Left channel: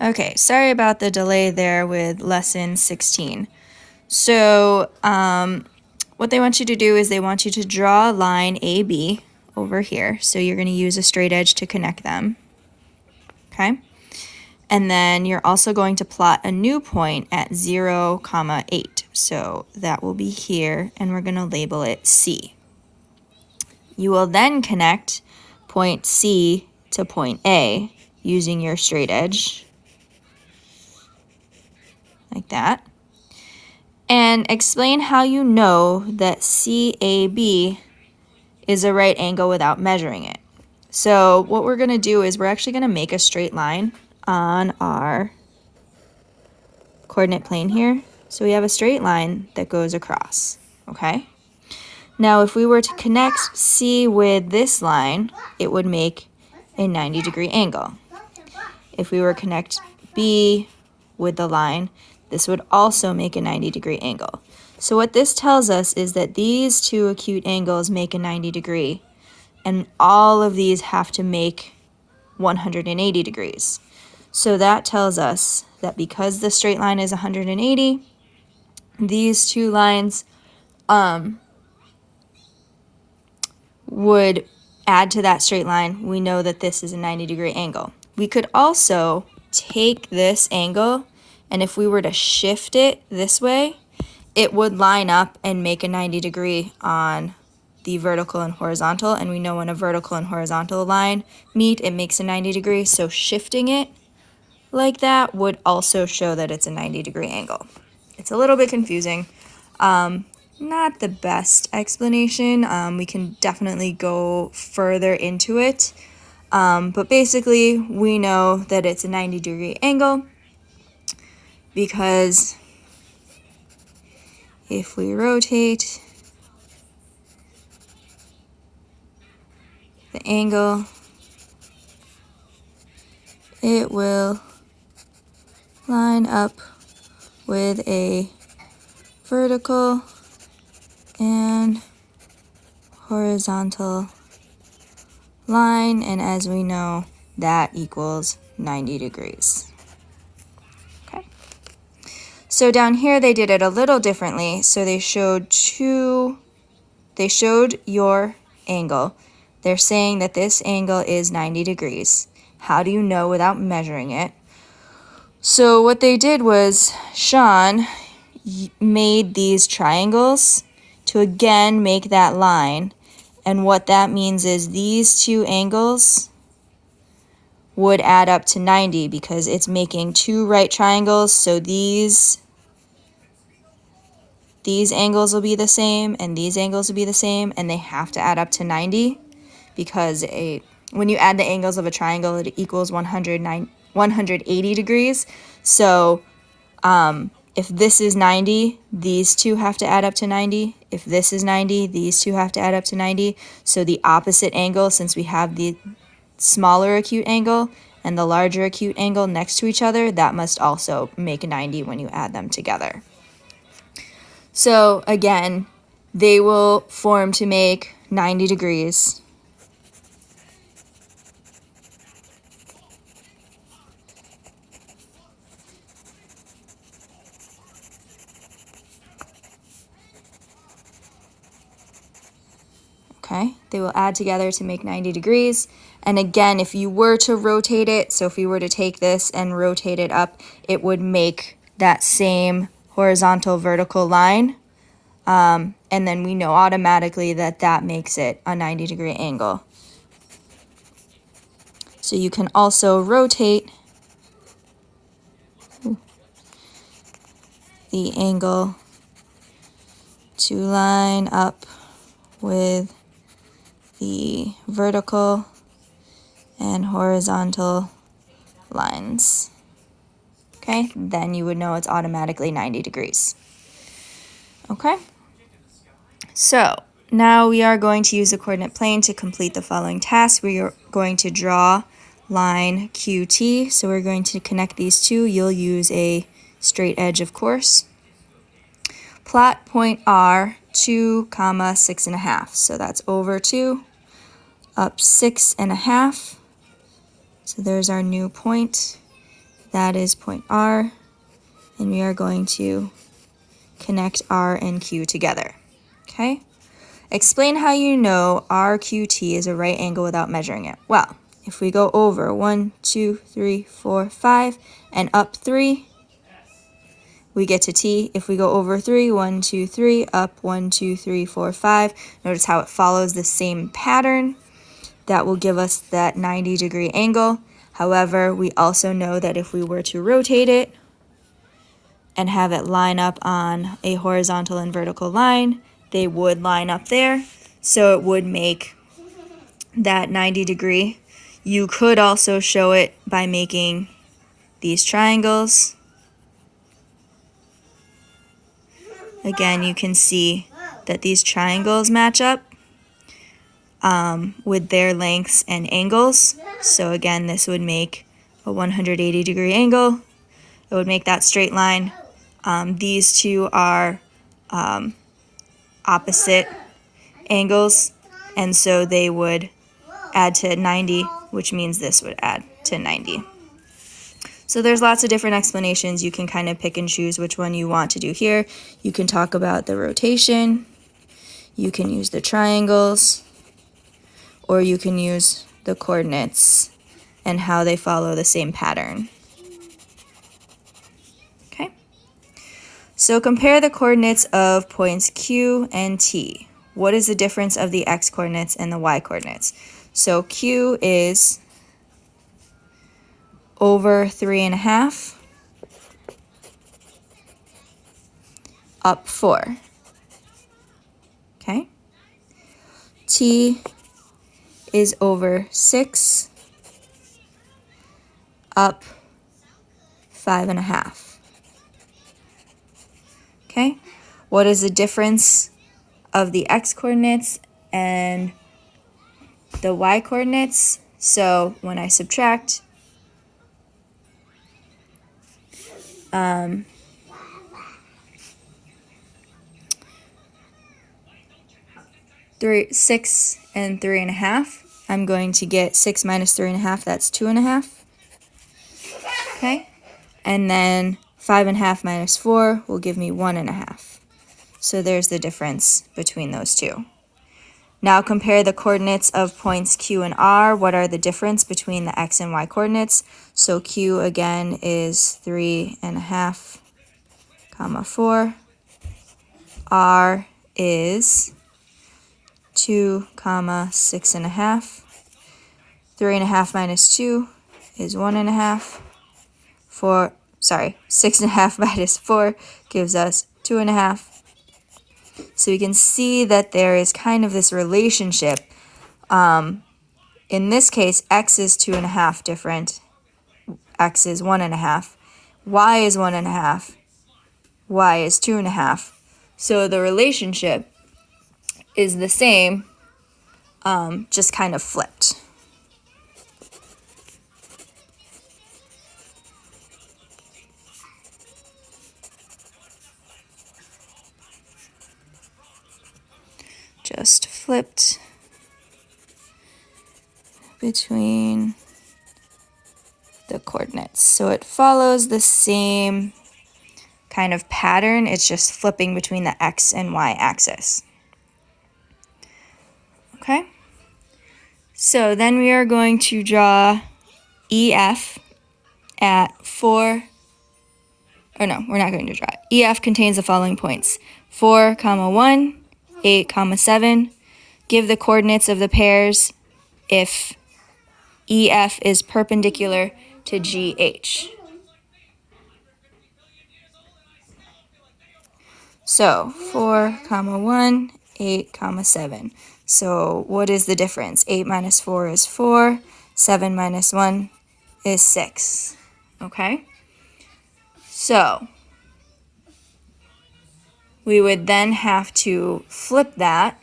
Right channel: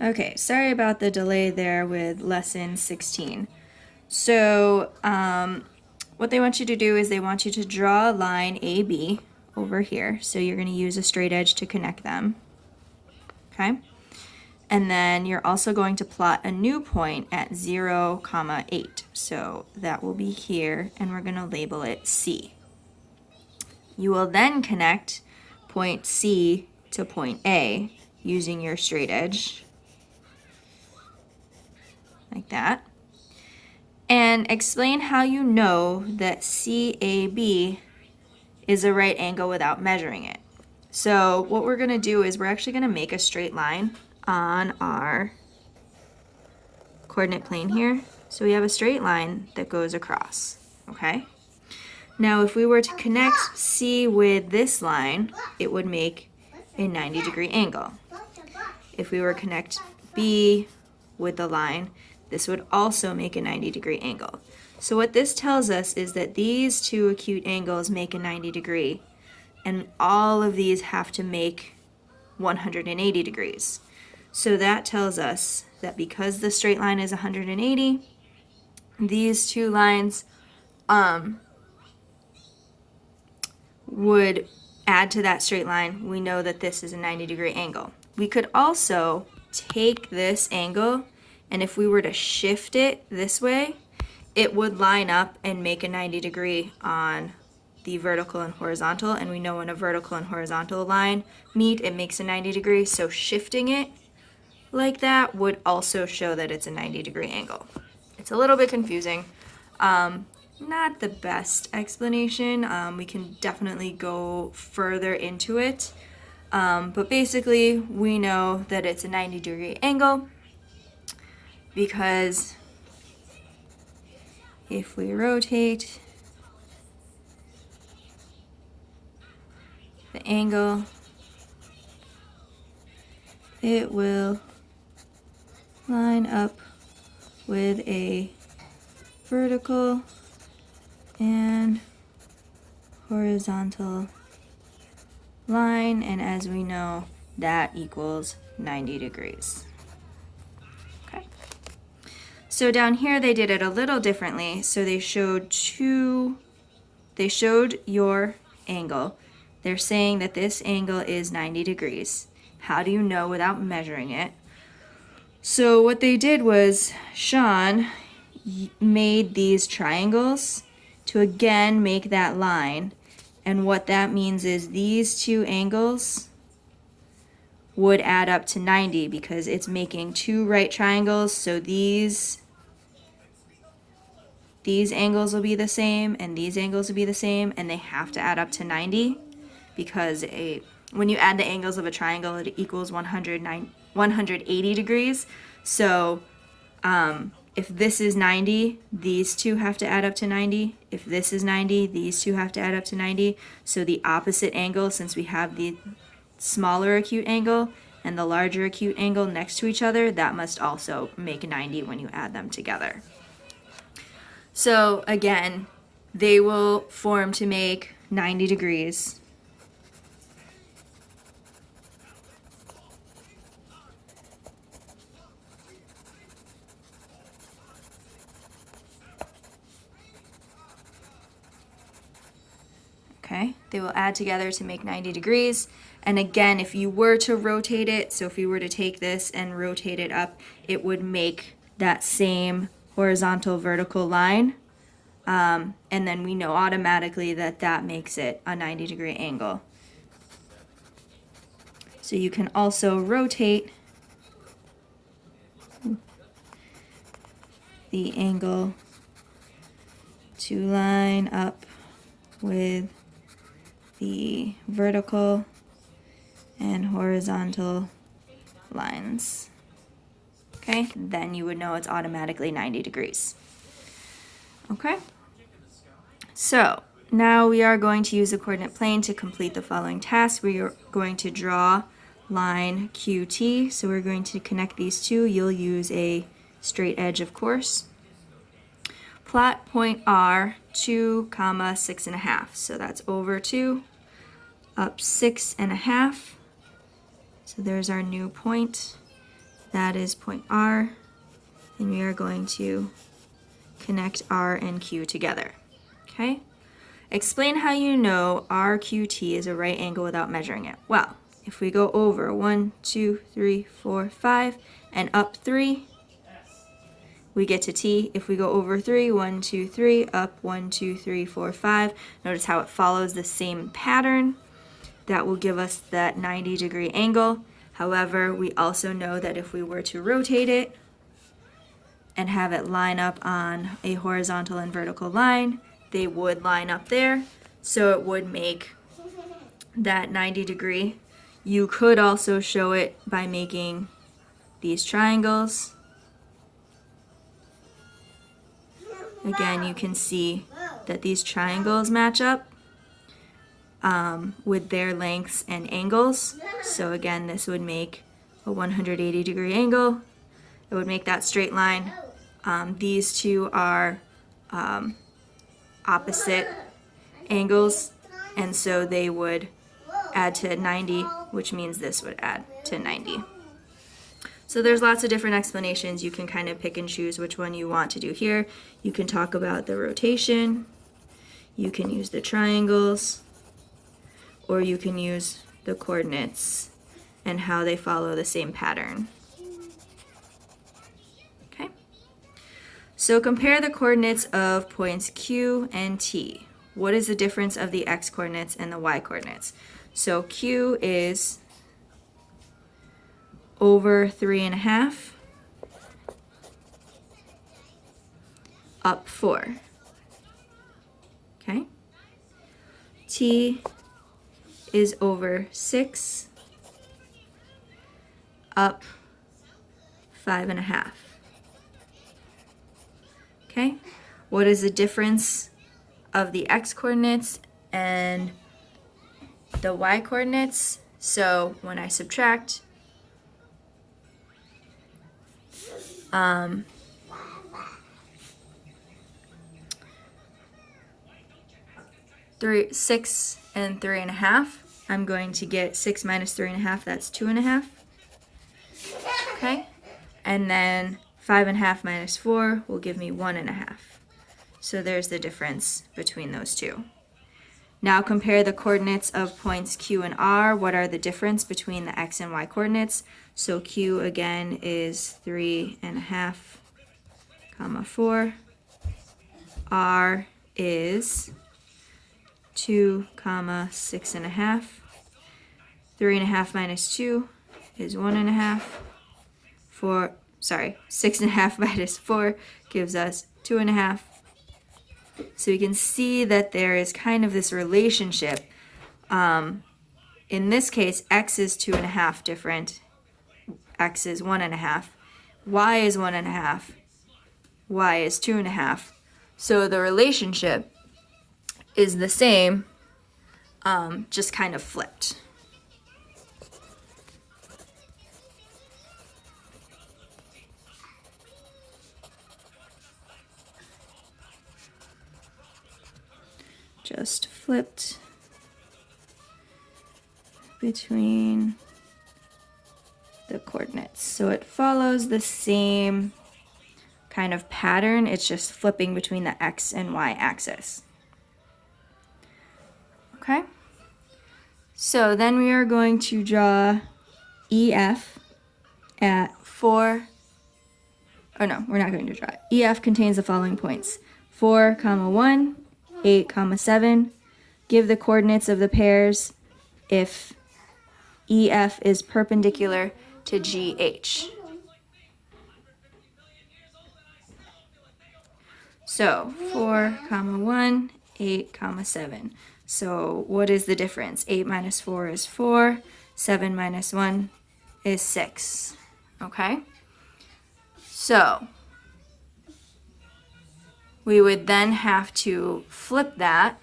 Okay, sorry about the delay there with lesson 16. So, what they want you to do is they want you to draw a line AB over here. So you're going to use a straight edge to connect them. Okay? And then you're also going to plot a new point at 0, 8. So that will be here, and we're going to label it C. You will then connect point C to point A using your straight edge, like that. And explain how you know that CAB is a right angle without measuring it. So what we're going to do is we're actually going to make a straight line on our coordinate plane here. So we have a straight line that goes across, okay? Now if we were to connect C with this line, it would make a 90-degree angle. If we were to connect B with the line, this would also make a 90-degree angle. So what this tells us is that these two acute angles make a 90-degree, and all of these have to make 180 degrees. So that tells us that because the straight line is 180, these two lines would add to that straight line. We know that this is a 90-degree angle. We could also take this angle, and if we were to shift it this way, it would line up and make a 90-degree on the vertical and horizontal, and we know when a vertical and horizontal line meet, it makes a 90-degree, so shifting it like that would also show that it's a 90-degree angle. It's a little bit confusing. Not the best explanation. We can definitely go further into it. But basically, we know that it's a 90-degree angle because if we rotate the angle, it will line up with a vertical and horizontal line, and as we know, that equals 90 degrees. Okay. So down here they did it a little differently. So they showed your angle. They're saying that this angle is 90 degrees. How do you know without measuring it? So what they did was Sean made these triangles to again make that line, and what that means is these two angles would add up to 90 because it's making two right triangles, so these angles will be the same and these angles will be the same, and they have to add up to 90 because when you add the angles of a triangle, it equals 180 degrees. So if this is 90, these two have to add up to 90. If this is 90, these two have to add up to 90. So the opposite angle, since we have the smaller acute angle and the larger acute angle next to each other, that must also make 90 when you add them together. So again, they will form to make 90 degrees. Okay, they will add together to make 90 degrees. And again, if you were to rotate it, so if you were to take this and rotate it up, it would make that same horizontal vertical line. And then we know automatically that that makes it a 90-degree angle. So you can also rotate the angle to line up with the vertical and horizontal lines. Okay, then you would know it's automatically 90 degrees. Okay, so now we are going to use the coordinate plane to complete the following task. We are going to draw line QT. So we're going to connect these two. You'll use a straight edge, of course. Plot point R 2, 6.5. So that's over 2, up 6.5. So there's our new point. That is point R, and we are going to connect R and Q together. Okay? Explain how you know RQT is a right angle without measuring it. Well, if we go over 1, 2, 3, 4, 5, and up 3, we get to T. If we go over 3, 1, 2, 3, up 1, 2, 3, 4, 5, notice how it follows the same pattern. That will give us that 90-degree angle. However, we also know that if we were to rotate it and have it line up on a horizontal and vertical line, they would line up there. So it would make that 90-degree. You could also show it by making these triangles. Again, you can see that these triangles match up with their lengths and angles. So again, this would make a 180-degree angle. It would make that straight line. These two are opposite angles, and so they would add to 90, which means this would add to 90. So there's lots of different explanations. You can kind of pick and choose which one you want to do here. You can talk about the rotation, you can use the triangles, or you can use the coordinates and how they follow the same pattern. Okay? So compare the coordinates of points Q and T. What is the difference of the x coordinates and the y coordinates? So Q is over 3.5, up 4. Okay? T is over 6, up 5.5. Okay? What is the difference of the x coordinates and the y coordinates? So when I subtract, 6 and 3.5. I'm going to get 6 minus 3.5, that's 2.5. Okay? And then 5.5 minus 4 will give me 1.5. So there's the difference between those two. Now compare the coordinates of points Q and R. What are the difference between the x and y coordinates? So Q again is 3.5, 4. R is 2, 6.5. 3.5 minus 2 is 1.5. 6.5 minus 4 gives us 2.5. So you can see that there is kind of this relationship. In this case, x is 2.5 different. X is 1.5. Y is 1.5. Y is 2.5. So the relationship is the same, just kind of flipped. Just flipped between the coordinates. So it follows the same kind of pattern. It's just flipping between the x and y axis. Okay? So then we are going to draw EF at 4. Oh no, we're not going to draw it. EF contains the following points: 4, 1, 8, 7. Give the coordinates of the pairs if EF is perpendicular to GH. So 4, 1, 8, 7. So what is the difference? 8 minus 4 is 4. 7 minus 1 is 6. Okay? So we would then have to flip that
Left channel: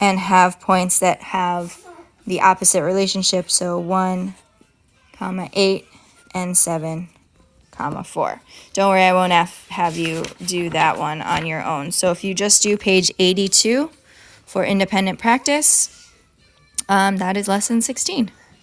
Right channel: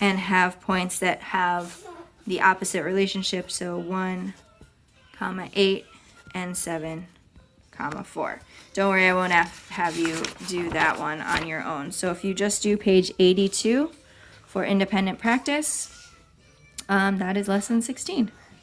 and have points that have the opposite relationship. So 1, 8, and 7, 4. Don't worry, I won't have you do that one on your own. So if you just do page 82 for independent practice, that is lesson 16.